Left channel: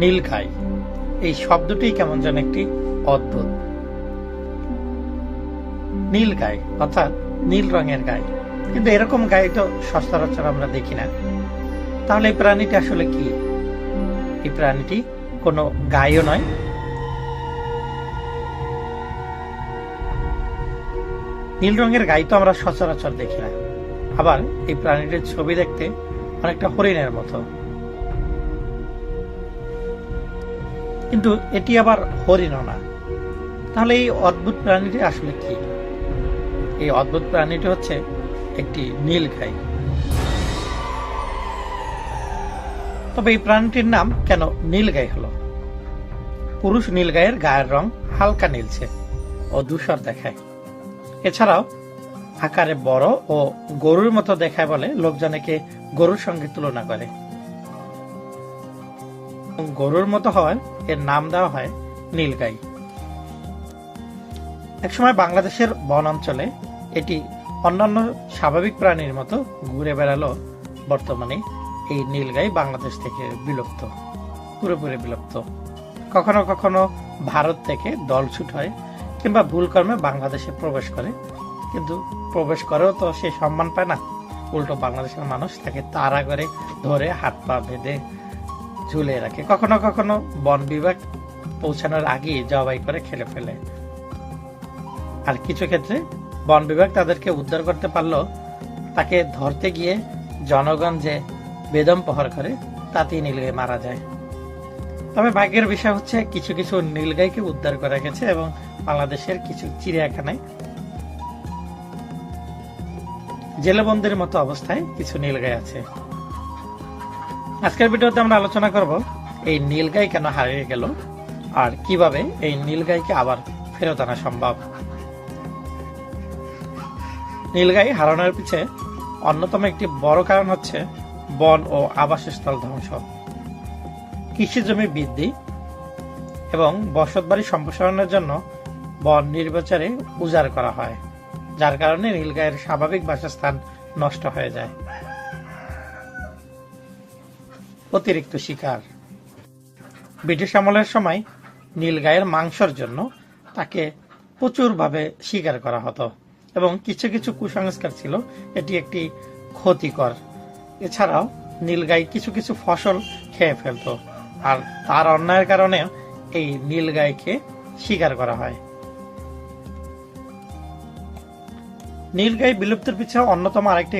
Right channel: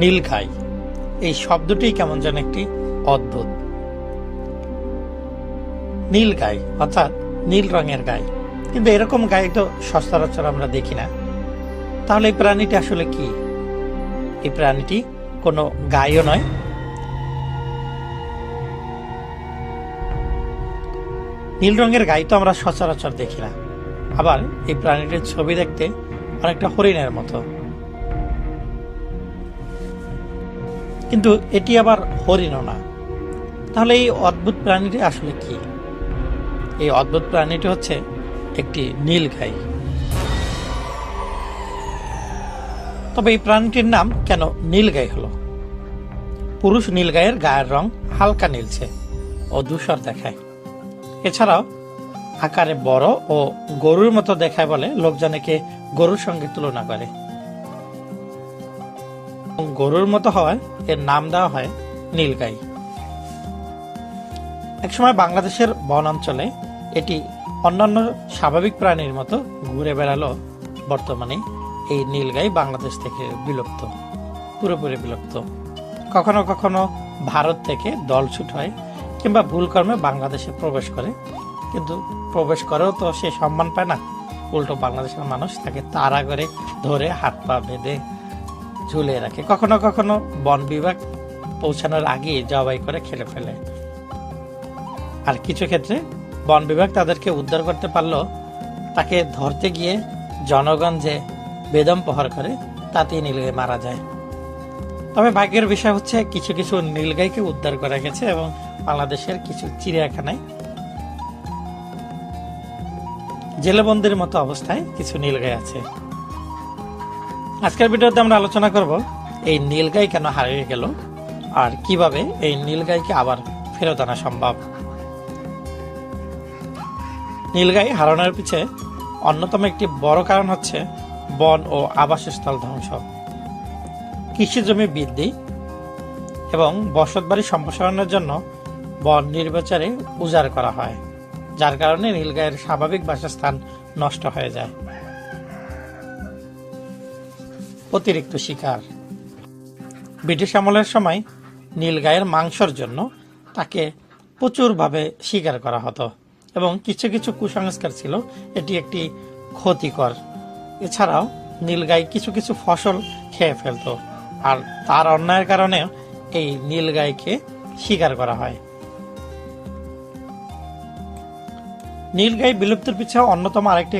নীলগাই এই শব্দটি কেমন যেন একটি অদ্ভুত। নীলগাই অর্থাৎ নীল রঙের গাই, কিন্তু এরকম গাই তো সচরাচর আমরা দেখি না। তাহলে এই প্রাণীটি আসলে কি? এই প্রাণীটি কোনো গাইও নয়। নীল রঙের গাই তো আমরা সচরাচর দেখি না। আবার এই প্রাণীটির ছবি দেখতে অনেকটা হরিণের মতো, কিন্তু এটি আবার হরিণও না। তাহলে এই অদ্ভুত প্রাণীটি আসলে কি? এই অদ্ভুত প্রাণীটি হচ্ছে একটি নীলগাই। তবে এই প্রাণীটির নাম কেন নীলগাই হলো? পুরুষ নীলগাইয়ের গায়ের রং হালকা নীলচে ও ধূসর দেখায়। এছাড়াও আকারে বড় ও গরুর মতো দেখায় বলে লোকজন একে গরুর সঙ্গে তুলনা করে। গরুর মতো হওয়ায় এর নাম দেওয়া হয় নীলগাই। একসময় বাংলাদেশের বন অঞ্চলে এটি অন্যান্য স্বাভাবিক প্রাণীর মতো ঘুরে বেড়ালো। বর্তমানে এই নীলগাই বাংলাদেশ থেকে বিলুপ্ত, পুরোপুরি বিলুপ্ত। কখনো কখনো ভারত থেকে দলছুট হয় কিংবা ভুলকর্মে বাংলাদেশে প্রবেশ করে, কিন্তু প্রবেশ করেও তো সে সম্মান পায় না। উল্টো বাংলাদেশের মানুষ তাকে তাড়া করে ধরে হাত পা বেঁধে ঝুলিয়ে রাখে। কখনো কখনো বন বিভাগ পৌঁছানোর আগেই জবাই করে খেলে ফেলে। আর কিছু ক্ষেত্রে বন বিভাগ তাদেরকে উদ্ধার করতে পারলেও তাকে ধরতে গিয়ে জনগণ যে বেদম প্রহার করে তাতেই নীলগাই মারা যায়। তবে ভাগ্যের বিষয় হচ্ছে কিছু কিছু নীলগাইকে উদ্ধার করা গেছে এবং বাংলাদেশের কিছু চিড়িয়াখানায় জেলেবন্দির মতো অবস্থায় কিছু নীলগাই আছে। আজকের ভিডিওতে আমরা আলোচনা করব এই নীলগাই কেন হারিয়ে গেল আর কিভাবে এই নীলগাইকে আবার ফেরত আনা সম্ভব। নীলগাই হারানোর পিছে অন্যতম একটি বড় কারণ হচ্ছে বন ও আবাসস্থল ধ্বংস, কৃষি জমি বৃদ্ধি এবং বসতবাড়ি সম্প্রসারণের জন্য বন নির্বিচারে উজাড় করা হয়, যার কারণে নীলগাইয়ের স্বাভাবিক বাসস্থান নষ্ট হয়ে যায়। অতিরিক্ত শিকার। ব্রিটিশ আমলের সময় নীলগাইয়ের মাংসের জন্য তাকে প্রচুরভাবে শিকার করা হতো এবং কিছু কিছু কুসংস্কার ছিল এটি একটি ক্ষতিকর। এছাড়াও নীলগাই কিছু কিছু ফসল খেয়ে ফেলতো, আর তার অন্যায়ের কারণে এই নীলগাইকে শিকার করা হয়। নীলগাই বিলুপ্তির পিছনে অন্যতম আরেকটি